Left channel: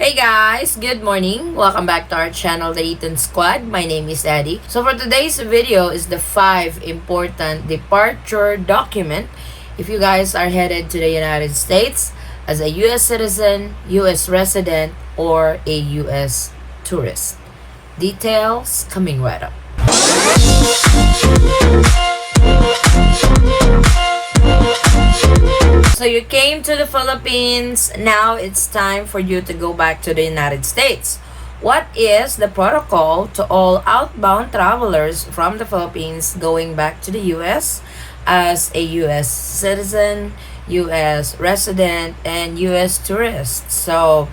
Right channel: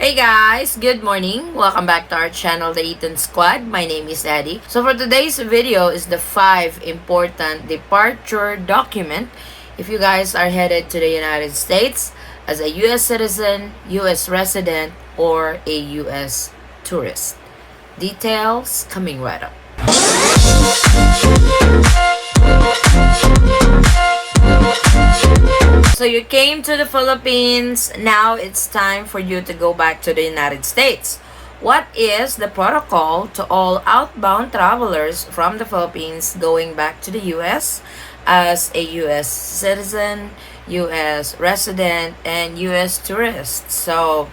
Hey guys, good morning. Welcome back to our channel, the Eaton Squad. My name is Addie. So for today's video is the 5 important departure document if you guys are headed to the United States as a US citizen, US resident, or a US tourist. Details coming right up. So you came to the Philippines, now it's time for you to go back to the United States. What is the protocol to all outbound travelers from the Philippines going back to the US as a US citizen, US resident, and US tourist? So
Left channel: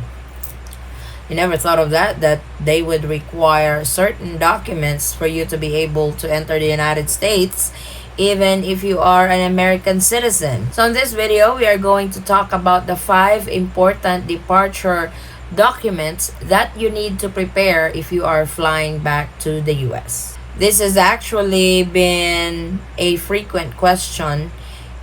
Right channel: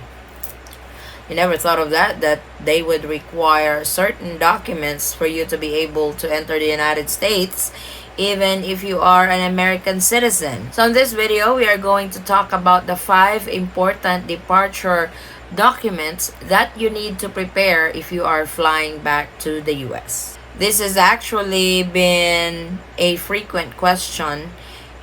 you never thought of that they would require certain documents for you to be able to enter the United States even if you are an American citizen. So in this video, we are going to talk about the 5 important departure documents that you need to prepare if you are flying back to the US. This has actually been a frequent question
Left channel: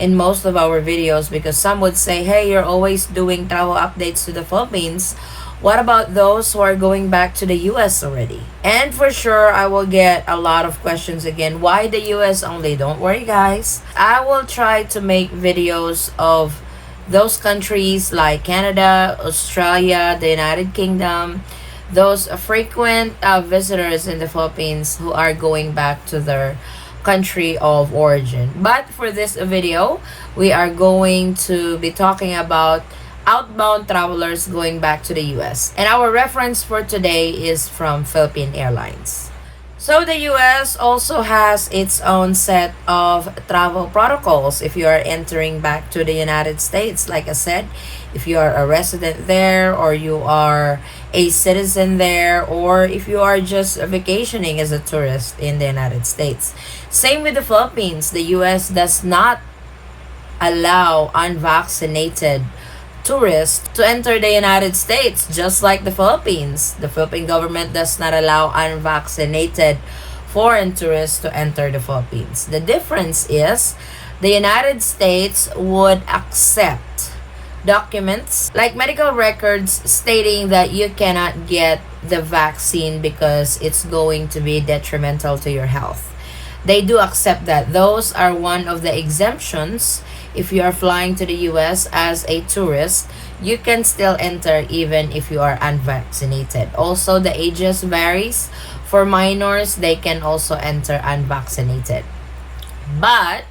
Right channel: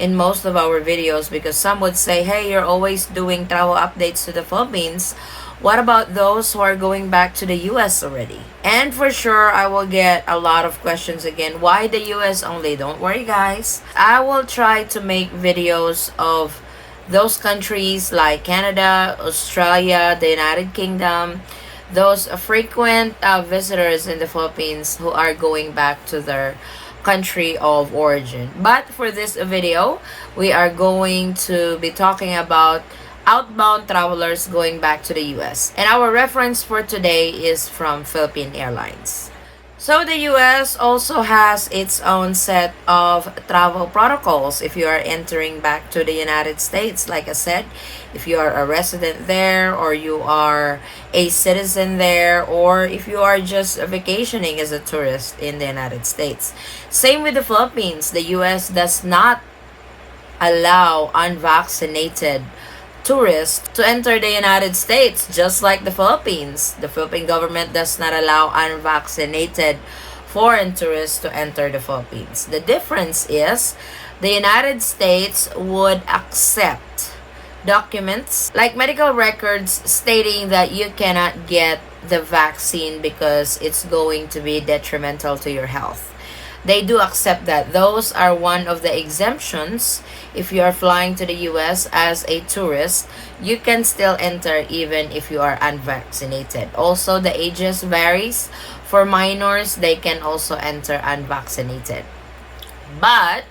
in most of our videos because some would say, hey, you're always doing travel updates to the Philippines. What about those who are going back to the US already? And for sure, I will get a lot of questions again. Why the US only? Don't worry, guys. I will try to make videos of those countries like Canada, Australia, the United Kingdom, those frequent visitors in the Philippines who are going back to their country of origin. But for this video, we are going to be talking about outbound travelers going back to the US. And our reference for today is from Philippine Airlines. So the US also has its own set of travel protocols if you are entering back to the United States. Like I said, if you are a resident there, or you are a citizen there, or if you are just vacationing as a tourist in the United States. Same with the Philippines. The US does not allow unvaccinated tourists to enter the United States, just like the Philippines. The Philippine government does not allow unvaccinated foreign tourists to enter the Philippines. The difference is the United States would accept documents like medical records stating that you cannot get the vaccine because it's going to be detrimental to your health. They do accept that. Those are one of the exemptions. If you are flying to the US as a tourist, you can still enter even if you are unvaccinated. Also, the ages varies. For minors, they can also enter unvaccinated. But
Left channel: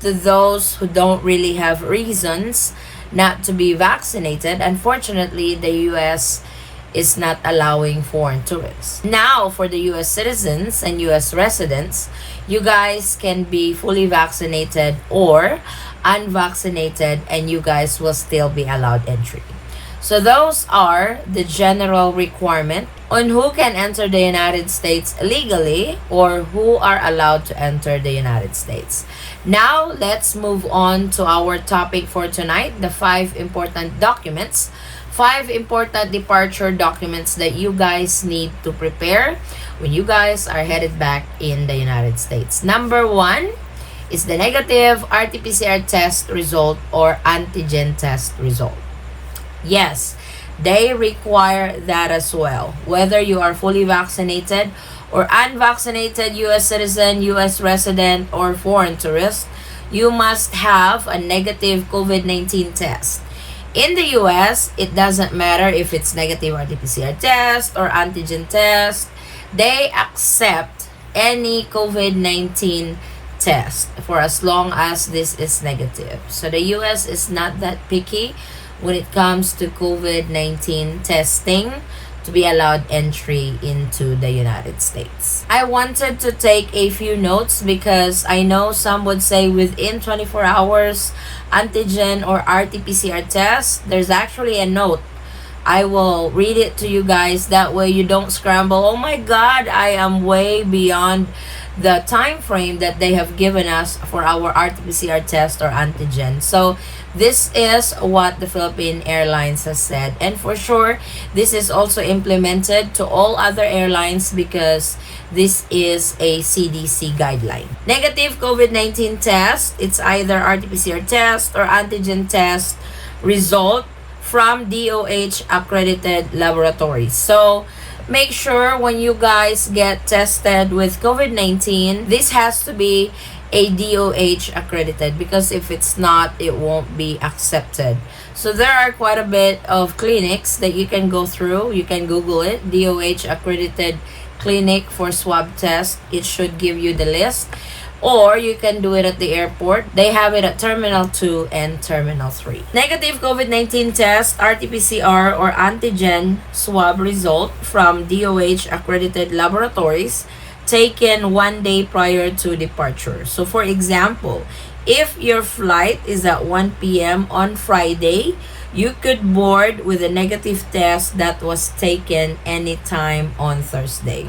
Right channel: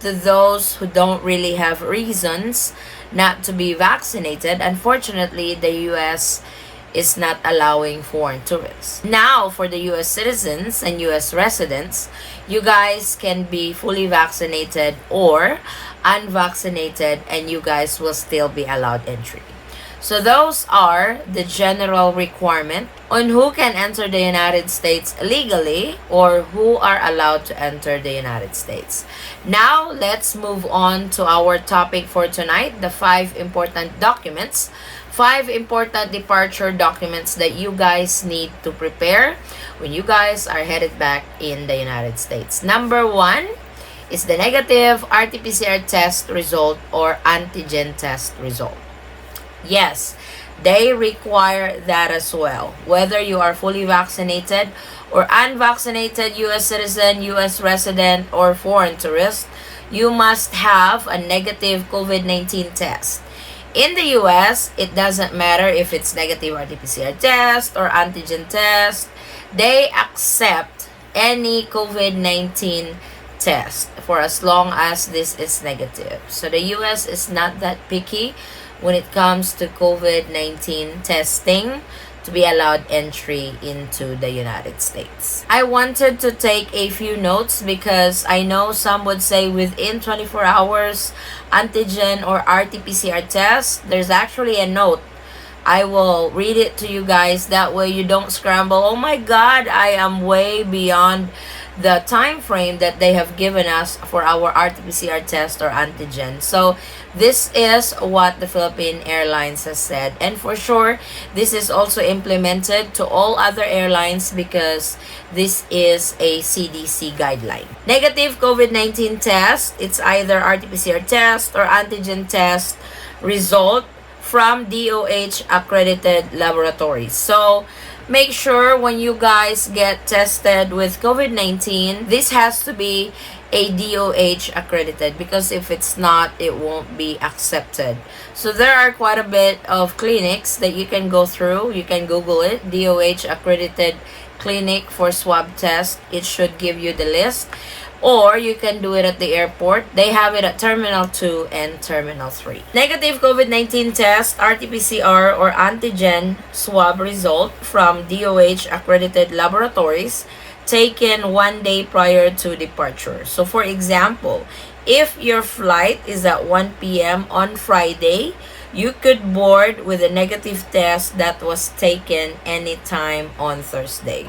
to those who don't really have reasons not to be vaccinated, unfortunately, the US is not allowing foreign tourists. Now, for the US citizens and US residents, you guys can be fully vaccinated or unvaccinated, and you guys will still be allowed entry. So those are the general requirement on who can enter the United States legally or who are allowed to enter the United States. Now, let's move on to our topic for tonight, the 5 important documents, 5 important departure documents that you guys need to prepare when you guys are headed back in the United States. Number 1 is the negative RT-PCR test result or antigen test result. Yes, they require that as well. Whether you are fully vaccinated or unvaccinated US citizen, US resident, or foreign tourist, you must have a negative COVID-19 test. In the US, it doesn't matter if it's negative RT-PCR test or antigen test. They accept any COVID-19 test for as long as this is negative. So the US is not that picky when it comes to COVID-19 testing to be allowed entry into the United States. I wanted to take a few notes because I know some would say within 24 hours antigen or RT-PCR test. There's actually a note. I will read it to you guys, that way you don't scramble. Oh my God, I am way beyond the time frame that they have given us for our RT-PCR test or antigen. So this is what the Philippine Airlines has said. And for sure, this is also implemented to all other airlines because this is a CDC guideline. Negative COVID-19 test, it's either RT-PCR test or antigen test result from DOH accredited laboratories. So make sure when you guys get tested with COVID-19, this has to be a DOH accredited, because if it's not, it won't be accepted. So there are quite a bit of clinics that you can go through. You can Google it, DOH accredited clinic for swab test. It should give you the list. Or you can do it at the airport. They have it at Terminal 2 and Terminal 3. Negative COVID-19 test, RT-PCR or antigen swab result from DOH accredited laboratories taken 1 day prior to departure. So for example, if your flight is at 1 p.m. on Friday, you could board with a negative test that was taken anytime on Thursday.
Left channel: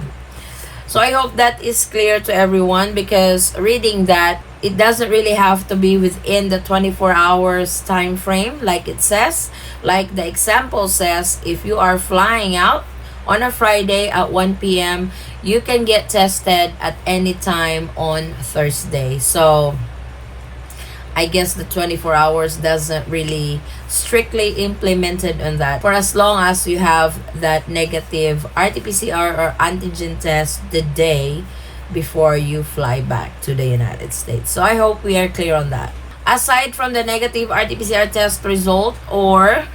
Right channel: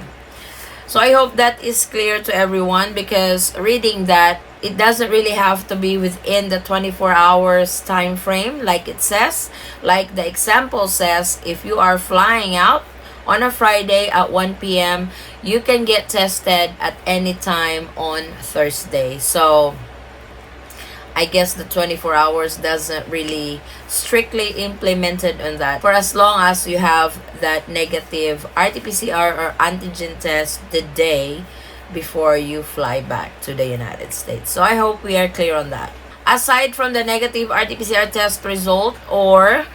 So I hope that is clear to everyone, because reading that, it doesn't really have to be within the 24 hours time frame like it says. Like the example says, if you are flying out on a Friday at 1 p.m., you can get tested at any time on Thursday. So I guess the 24 hours doesn't really strictly implemented on that, for as long as you have that negative RT-PCR or antigen test the day before you fly back to the United States. So I hope we are clear on that. Aside from the negative RT-PCR test result or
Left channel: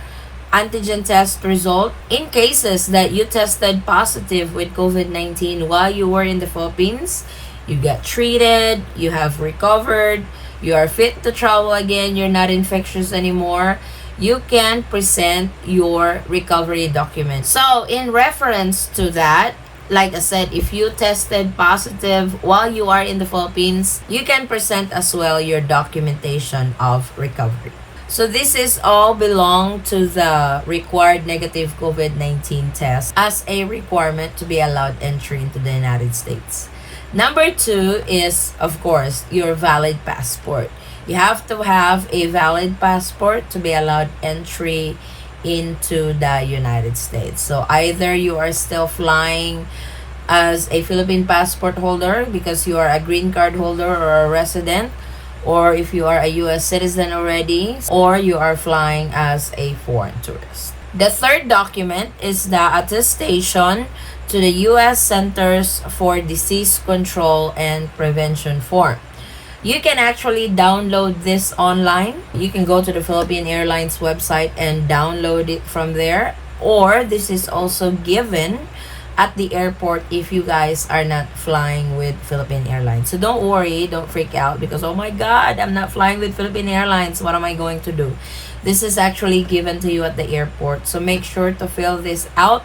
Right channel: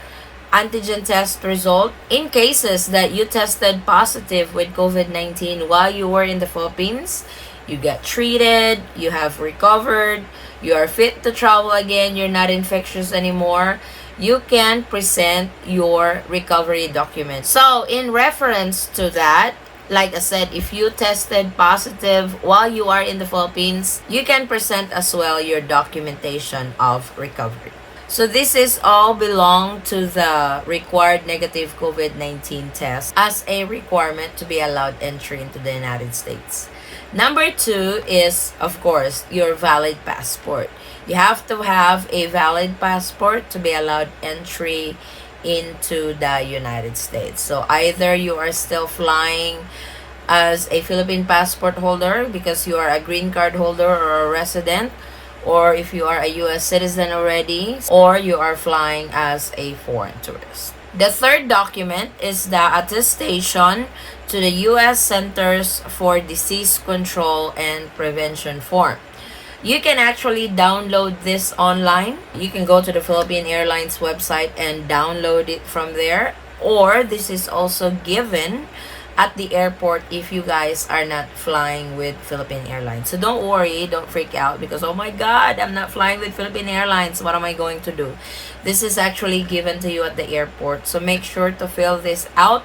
antigen test result, in cases that you tested positive with COVID-19 while you were in the Philippines, you get treated, you have recovered, you are fit to travel again, you're not infectious anymore, you can present your recovery document. So in reference to that, like I said, if you tested positive while you are in the Philippines, you can present as well your documentation of recovery. So this is all belong to the required negative COVID-19 test as a requirement to be allowed entry into the United States. Number 2 is, of course, your valid passport. You have to have a valid passport to be allowed entry into the United States. So either you are still flying as a Philippine passport holder because you are a green card holder or a resident, or if you are a U.S. citizen already, or you are flying as a foreign tourist. The third document is the attestation to the U.S. Centers for Disease Control and Prevention form. You can actually download this online. You can go to the Philippine Airlines website and download it from there. Or this is also given at the airport if you guys are not flying with Philippine Airlines. So don't worry, don't freak out because, oh my God, I'm not flying with Philippine Airlines. What am I going to do? This is actually given to you at the airport. So make sure to fill this out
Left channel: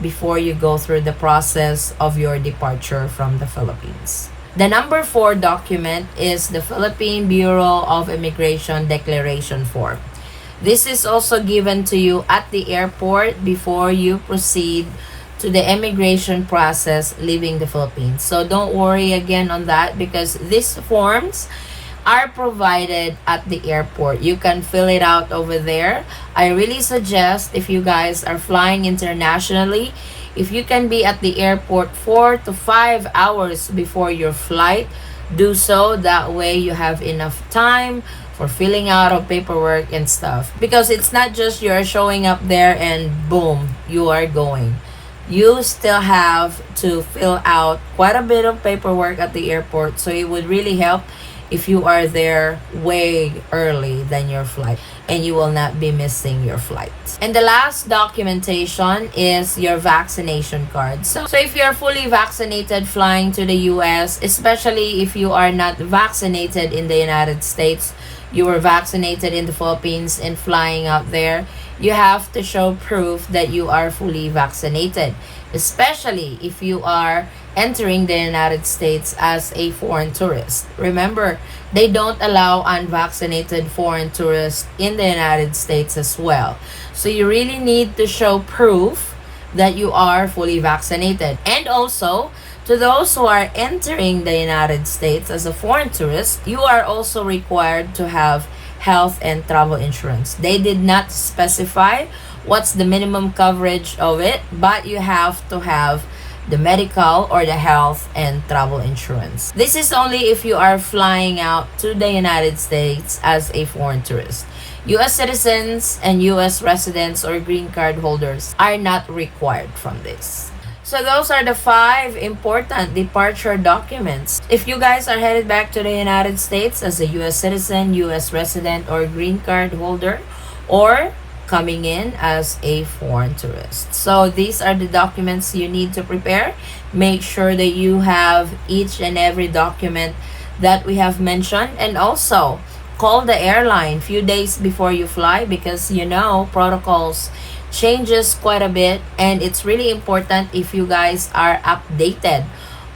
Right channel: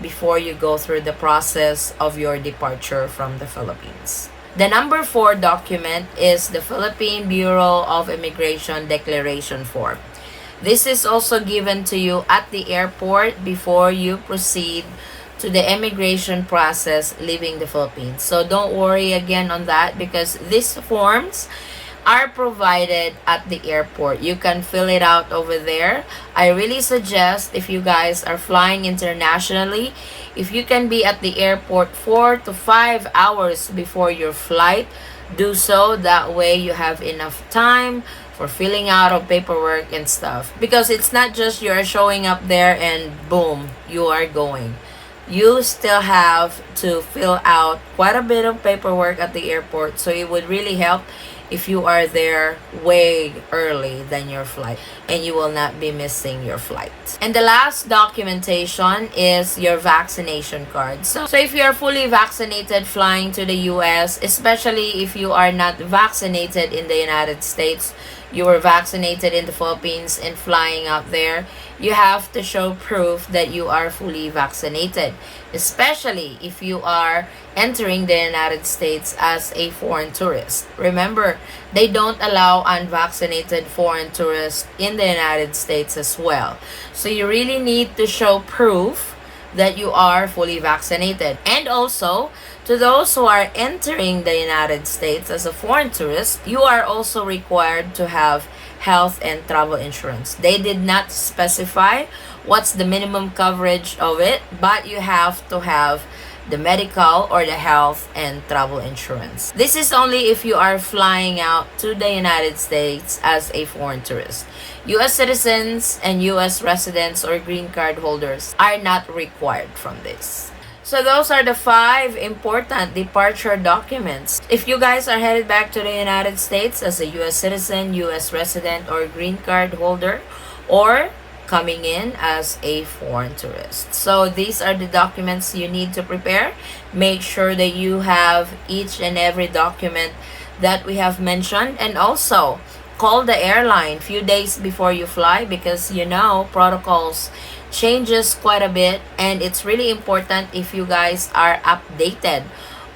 before you go through the process of your departure from the Philippines. The number 4 document is the Philippine Bureau of Immigration Declaration Form. This is also given to you at the airport before you proceed to the immigration process leaving the Philippines. So don't worry again on that because these forms are provided at the airport. You can fill it out over there. I really suggest if you guys are flying internationally, if you can be at the airport 4 to 5 hours before your flight, do so. That way you have enough time for filling out of paperwork and stuff. Because it's not just you are showing up there and boom, you are going. You still have to fill out quite a bit of paperwork at the airport. So it would really help if you are there way early than your flight and you will not be missing your flight. And the last documentation is your vaccination card. So if you are fully vaccinated flying to the US, especially if you are not vaccinated in the United States, you were vaccinated in the Philippines and flying out there, you have to show proof that you are fully vaccinated, especially if you are entering the United States as a foreign tourist. Remember, they don't allow unvaccinated foreign tourists in the United States as well. So you really need to show proof that you are fully vaccinated. And also, to those who are entering the United States as a foreign tourist, you are also required to have health and travel insurance. They did not specify what's the minimum coverage of it, but you have to have the medical or the health and travel insurance. This is only if you are flying out to the United States as a foreign tourist. U.S. citizens and U.S. residents or green card holders are not required from this. So those are the 5 important departure documents. If you guys are headed back to the United States as a U.S. citizen, U.S. resident, or green card holder, or coming in as a foreign tourist. So these are the documents you need to prepare. Make sure that you have each and every document that we have mentioned, and also call the airline few days before you fly, because protocols changes quite a bit, and it's really important if you guys are updated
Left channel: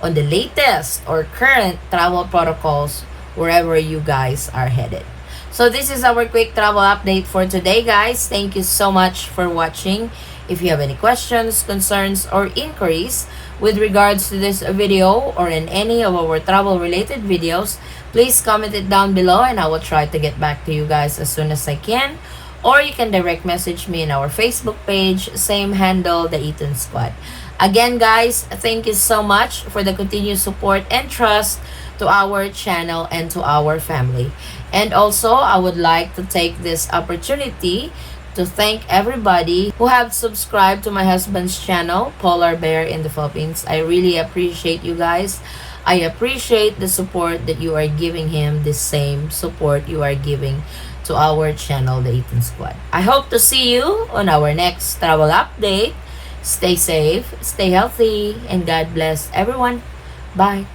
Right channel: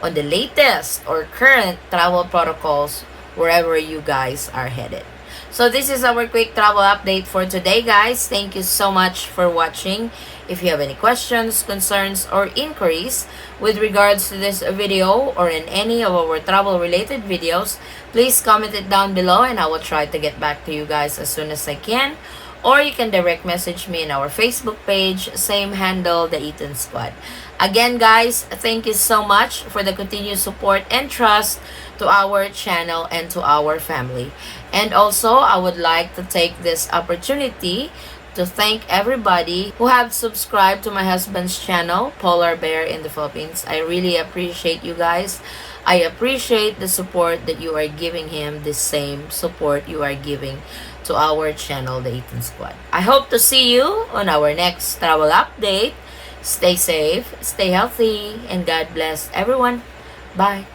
on the latest or current travel protocols wherever you guys are headed. So this is our quick travel update for today, guys. Thank you so much for watching. If you have any questions, concerns, or inquiries with regards to this video or in any of our travel related videos, please comment it down below and I will try to get back to you guys as soon as I can. Or you can direct message me in our Facebook page, same handle, the Eaton Squad. Again, guys, thank you so much for the continued support and trust to our channel and to our family. And also, I would like to take this opportunity to thank everybody who have subscribed to my husband's channel, Polar Bear in the Philippines. I really appreciate you guys. I appreciate the support that you are giving him, the same support you are giving to our channel, the Eaton Squad. I hope to see you on our next travel update. Stay safe, stay healthy, and God bless everyone. Bye.